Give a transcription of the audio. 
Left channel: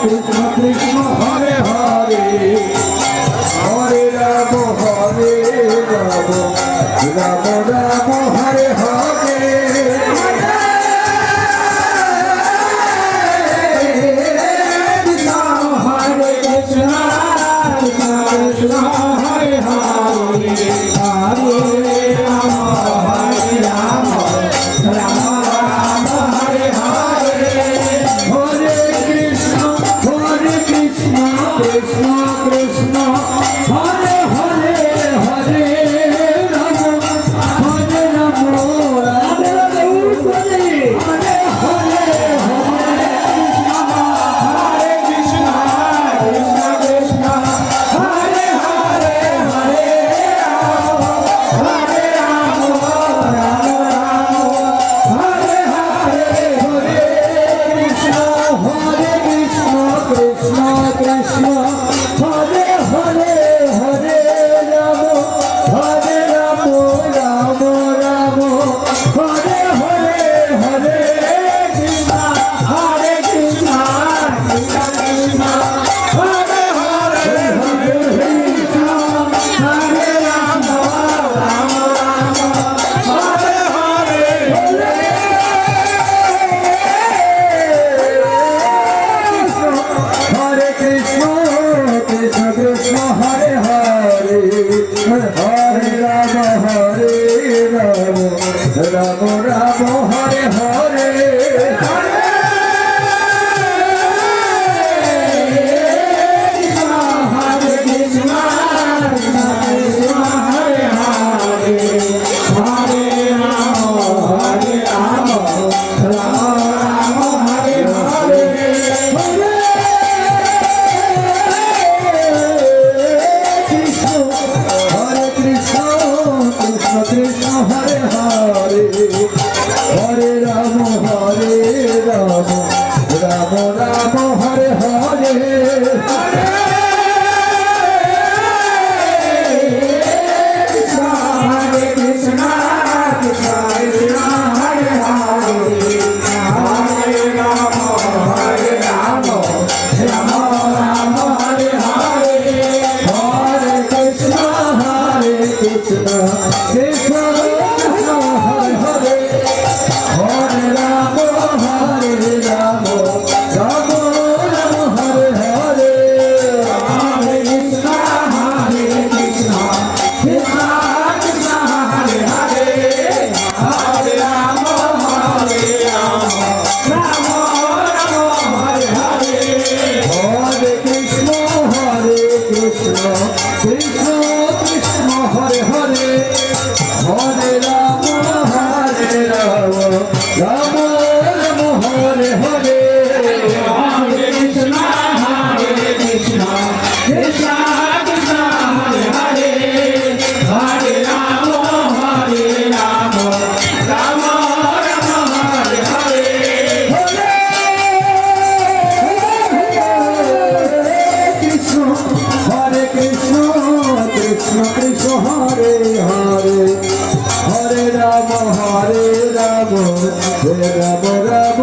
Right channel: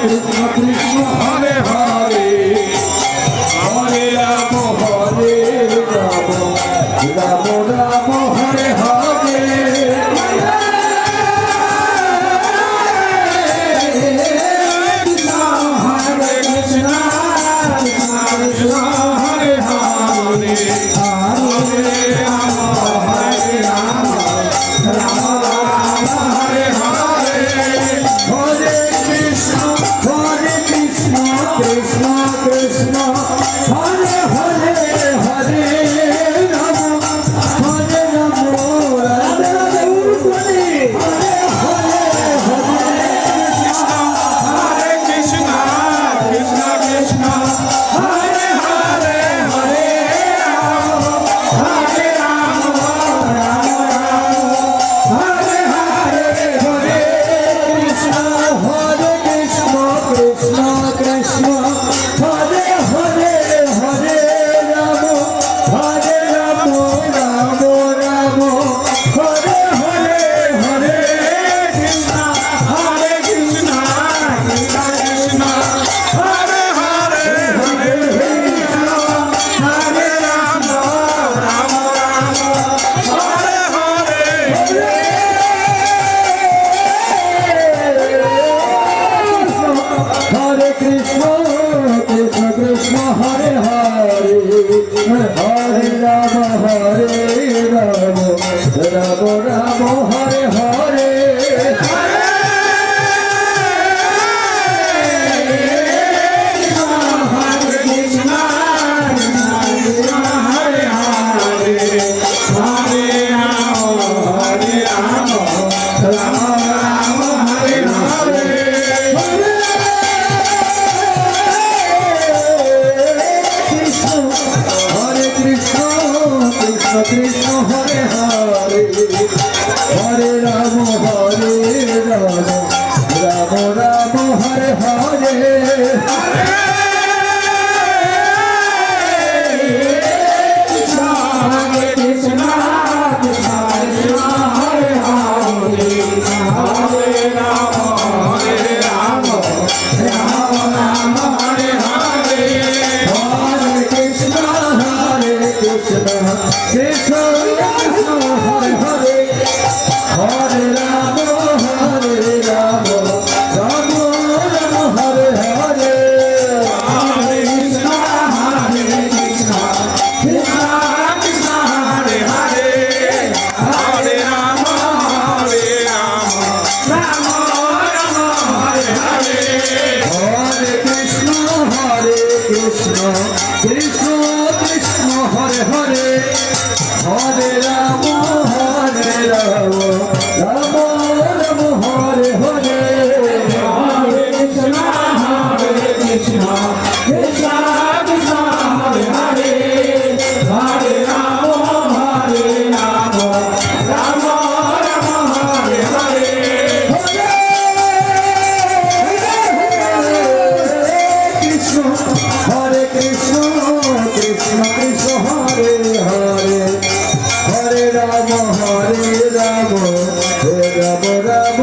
Krishna Krishna Hare Hare Hare Ram Hare Ram Ram Ram Hare Hare Hare Krishna Krishna Krishna Hare Hare Hare Ram Hare Ram Ram Ram Hare Hare Hare Krishna Krishna Krishna Hare Hare Hare Ram Hare Ram Radhe Radhe Hare Hare Hare Krishna Krishna Krishna Hare Hare Hare Hare Ram Ram Ram Hare Hare Hare Krishna Krishna Krishna Hare Hare Hare Ram Hare Ram Ram Ram Hare Hare Hare Krishna Krishna Krishna Hare Hare Hare Hare Ram Ram Ram Hare Hare Hare Krishna Krishna Krishna Hare Hare Hare Ram Ram Ram Hare Hare Hare Krishna Hare Hare Hare Ram Ram Ram Hare Hare Hare Krishna Krishna Krishna Hare Hare Hare Ram Ram Ram Hare Hare Hare Krishna Krishna Krishna Hare Hare Hare Ram Ram Ram Hare Hare Hare Krishna Krishna Krishna Hare Hare Hare Ram Ram Ram Hare Hare Hare Krishna Krishna Krishna Krishna Hare Hare Hare Ram Ram Ram Hare Hare Hare Krishna Krishna Krishna Krishna Hare Hare Hare Ram Ram Ram Hare Hare Hare Krishna Krishna Krishna Krishna Hare Hare Hare Ram Ram Ram Hare Hare Krishna Hare Krishna Krishna Krishna Hare Hare Hare Ram Ram Ram Ram